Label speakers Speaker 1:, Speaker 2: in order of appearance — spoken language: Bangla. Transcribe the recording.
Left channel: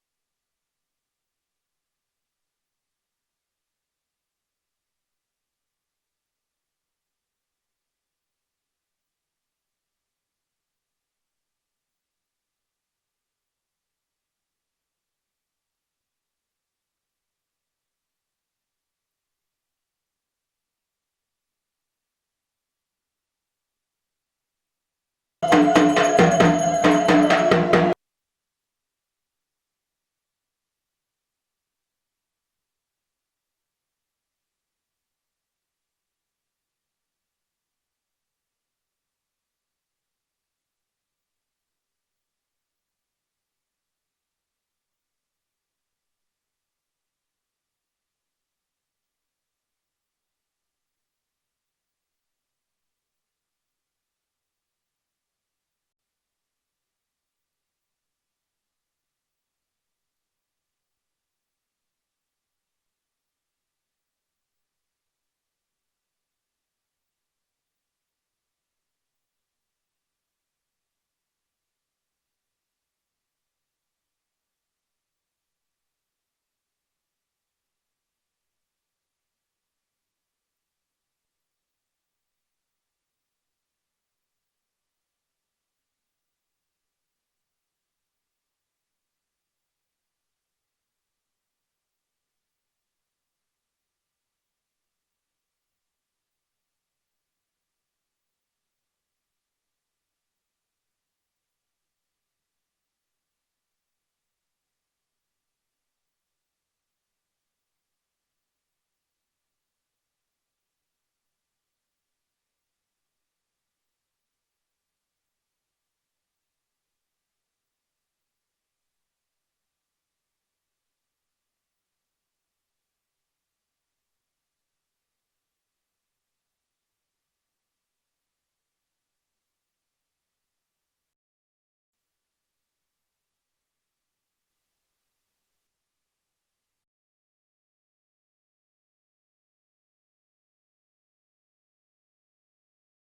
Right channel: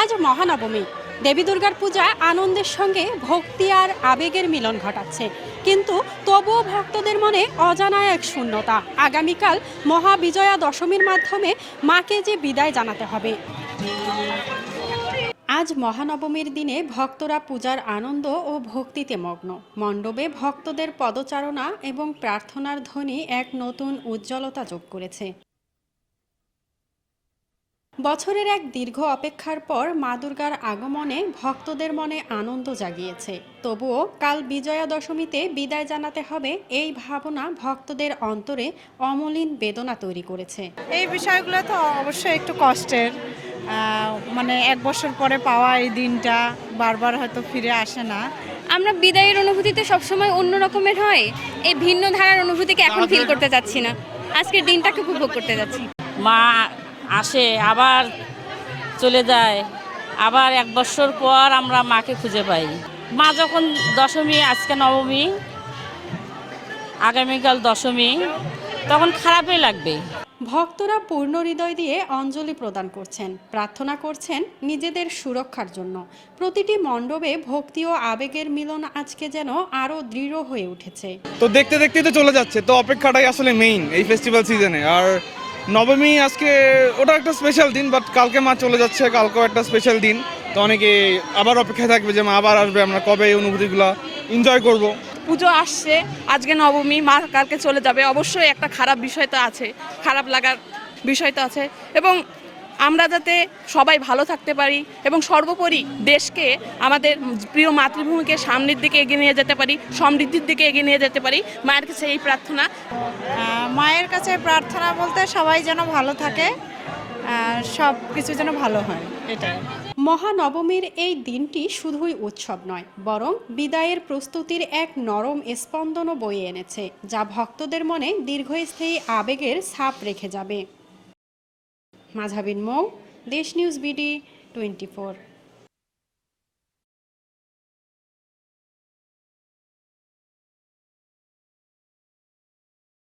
Speaker 1: আজ মহানবমী। দেবী দুর্গার পূজা আনন্দের সঙ্গে ভক্তি আর আবেগের মিলন ঘটাচ্ছে। কিন্তু তবুও ভক্তদের মনে অজানা এক শূন্যতা। আগামীকাল মহাবিজয়া দশমীর মাধ্যমে মাকে যে বিদায় জানাতে হবে। আজ মহানবমীর দিনে ভক্তরা পূজার আনন্দ ও ভক্তিতে মগ্ন। মণ্ডপে ভক্তদের পদচারণা এবং প্রার্থনার ধ্বনি এক নতুন উজ্জ্বলতা যোগ করেছে। বছরের এক দীর্ঘ অপেক্ষার পর মা দুর্গার আগমনে ভক্তদের মনে আনন্দ জাগিয়েছে। তবুও কাল বিজয়া দশমীতে বিদায় জানাতে হবে এই ভাবনা ভক্তদের অন্তরে অমলিন বেদনা তৈরি করেছে।
Speaker 2: এই বিষয়গুলো তো অবশ্যই একটু কষ্টের। মানে এক বছর পরে পাওয়া এই দিনটা বারবার হয়তো ফিরে আসে না।
Speaker 3: আমরা বিদায়ের অনুভূতিতে সবসময় অন্য রকমের হয়। এই ভিন্ন ধারার অনুভূতিকে এখন ফিল করতে চাচ্ছি না। আজকের দিনটাকে উপভোগ করতে যাচ্ছি।
Speaker 4: মা আসে আবার চলে যায়। আবার এক বছর পর আমরা মাকে খুঁজে পাই। মা যখন দশমী আজকে নবমী আগামীকাল দশমী তখন খারাপই লাগবে।
Speaker 1: ভক্তরা পূর্ণ হৃদয় দিয়ে অঞ্জলি প্রদান করছেন প্রার্থনা করছেন নিজেদের সুরক্ষার জন্য। প্রতিটি মণ্ডপে ভক্তি ও আবেগের মিলন আজকে যেন আরও দৃঢ় হয়ে উঠেছে।
Speaker 5: তো দেখতে দেখতে তো চলে যাচ্ছে তো অপেক্ষাটাই আসলে মেইন এই ফেস্টিভ্যাল সিজনে আর নবমী আজকে ওটা একটা স্পেশাল দিন বাট কালকে মা চলে যাচ্ছে, কালকেও একটা স্পেশাল দিন। তো অনেকে আবার অপেক্ষায় থাকবে যে মা আবার আসবে, আমরা কবে এই অনুভূতিগুলো এনজয় করব।
Speaker 6: পুজো আসছে, আজকে নবমী, মা কালকে চলে যাবে। অবশ্যই একটা খারাপ বিষয় তো আছে, খারাপ লাগার বিষয় তো আছে। এবং আমরা যাতে সবাই ভালো থাকতে পারি এবং সর্বোপরি দেশকে আমাদের প্রিয় মাতৃভূমিকে সামনের দিকে এগিয়ে নিয়ে যেতে পারি সমৃদ্ধির দিকে এগিয়ে নিয়ে যেতে পারি। মায়ের কাছে এই প্রার্থনা।
Speaker 2: মায়ের কাছে প্রার্থনা বলতে সবাই যেন ভালো থাকে সব কিছু যেন ভালো হয় এটাই।
Speaker 1: মহানবমীর এই দিনটি শুধুই উৎসব নয় বরং বিদায়ের প্রস্তুতির এক নরম স্পন্দনও বয়ে এনেছে যা ভক্তদের মনে দীর্ঘস্থায়ী আবেগের ছাপ রেখে যাবে। মাঝাবিন মৌ দেশ নিউজ বিডি টোয়েন্টি